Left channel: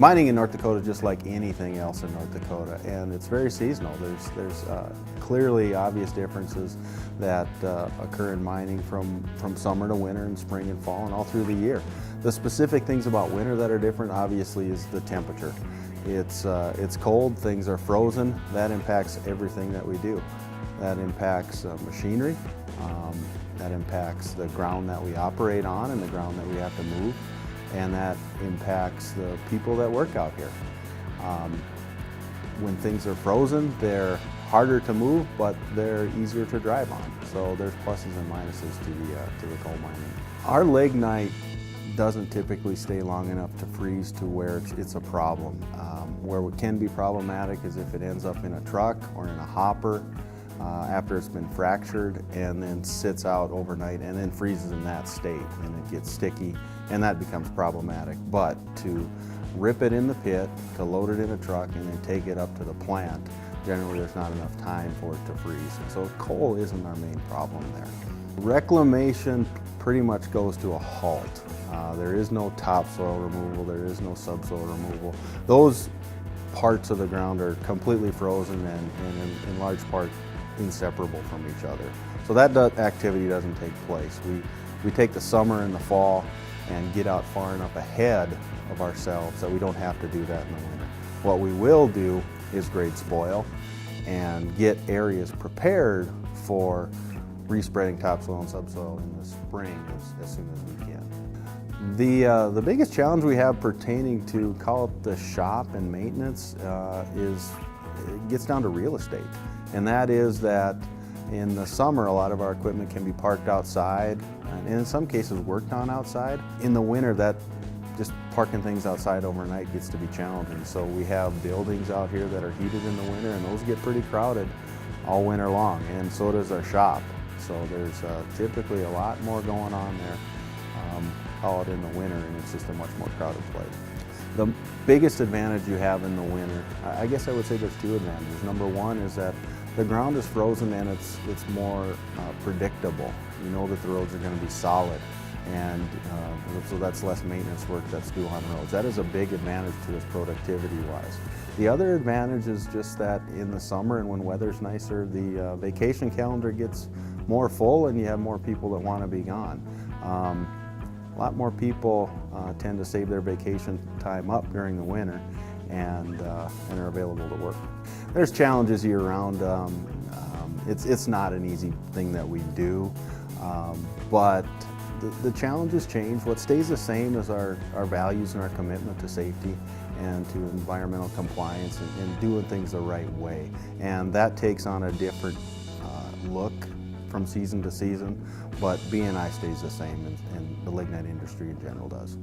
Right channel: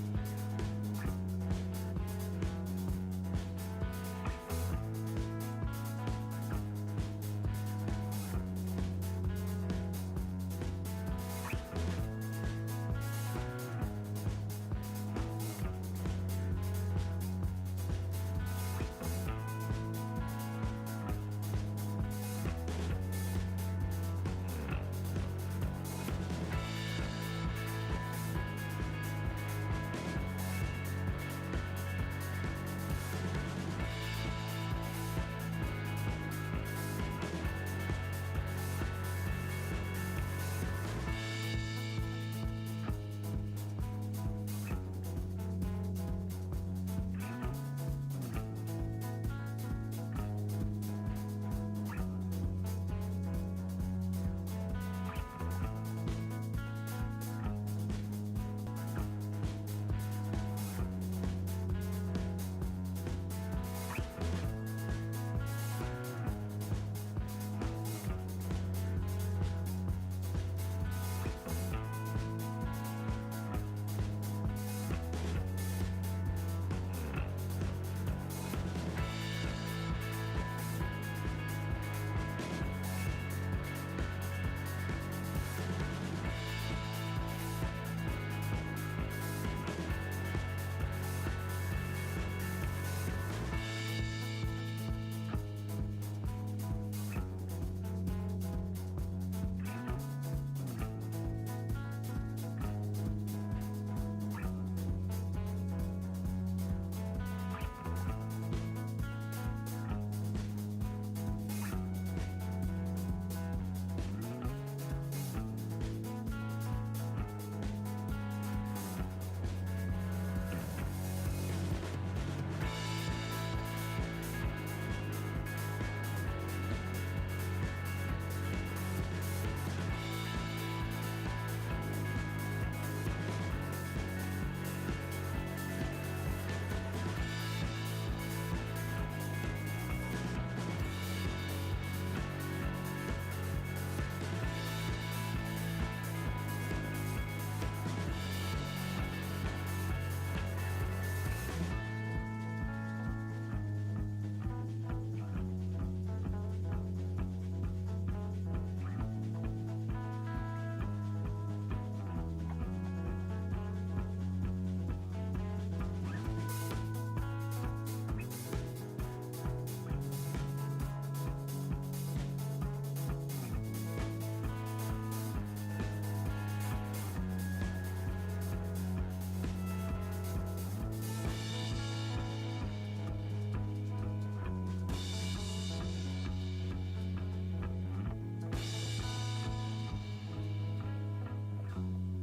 Mining in North Dakota is just like anything else in North Dakota, and it's very seasonal. There's clearly obvious differences that occur in mining from summer to winter and spring and fall and all through the year. The specific things about winter that are different obviously is the temperature. It's cold, things are frozen. That impacts everything that we do. That impacts machinery, that impacts the ground that we operate on and the ground that we have to move, and that impacts the people that work out here. When things are frozen, they're harder to move, but they're easier to drive on. So there's pluses and minuses to the coal mining. Our lignite doesn't typically stay long enough to freeze to where it's a problem. Where it can be problematic is if it ends up in a truck or in a hopper after it's been fractured and then sits out overnight and then freezes in that state, and it gets sticky, and that becomes problematic. But to rip it in the pit, to load it in a truck, and then take it up to the plant, generally there's not enough time for it to freeze. So coal isn't our main problem there. Reclamation pretty much goes to a halt. There is no topsoil removal, there is no subsoil removal. Those parts of the ground are completely frozen and in large part inseparable from each other. So that activity doesn't take place. We take the summer and the fall and get out far enough ahead of ourselves that we don't have to do that in the winter. What we will do is grade spoil and get areas prepared for respreading topsoil and subsoil in the spring as soon as we can. The biggest challenge we have pertaining to, call it the shop and maintenance, it gets down to real estate. And that is that in the summer, a lot of our equipment can be parked outside, and in some cases worked on outside. In the winter, that just parking things outside overnight gets to be challenging. So we have buildings out here that are heated in the winter, and those get pretty crowded all winter long, and so does our shop. So there's typically a lot more going on there, call it in the winter, and it's just a much more crowded place. The biggest advantage you have in the winter, I guess I would say there's two advantages. Number one is that the ground is frozen and it's more predictable. You know that the roads are going to be solid, and so that's less maintenance work that's due on roads. That is a big advantage to us productivity-wise. The other advantage is just that in the summer and when weather's nicer, the vacation calendar gets more full and you have more people that want to be gone. A lot more people tend to save their vacation time up during the winter and are available to work. There's challenges year-round. It's not an easy thing that we do, but the challenges change. What stays the same is our values and our commitment to safety and to environmental compliance and doing things the right way. And that takes on a different look from season to season, but B&I stays the same, and the lignite industry in general does.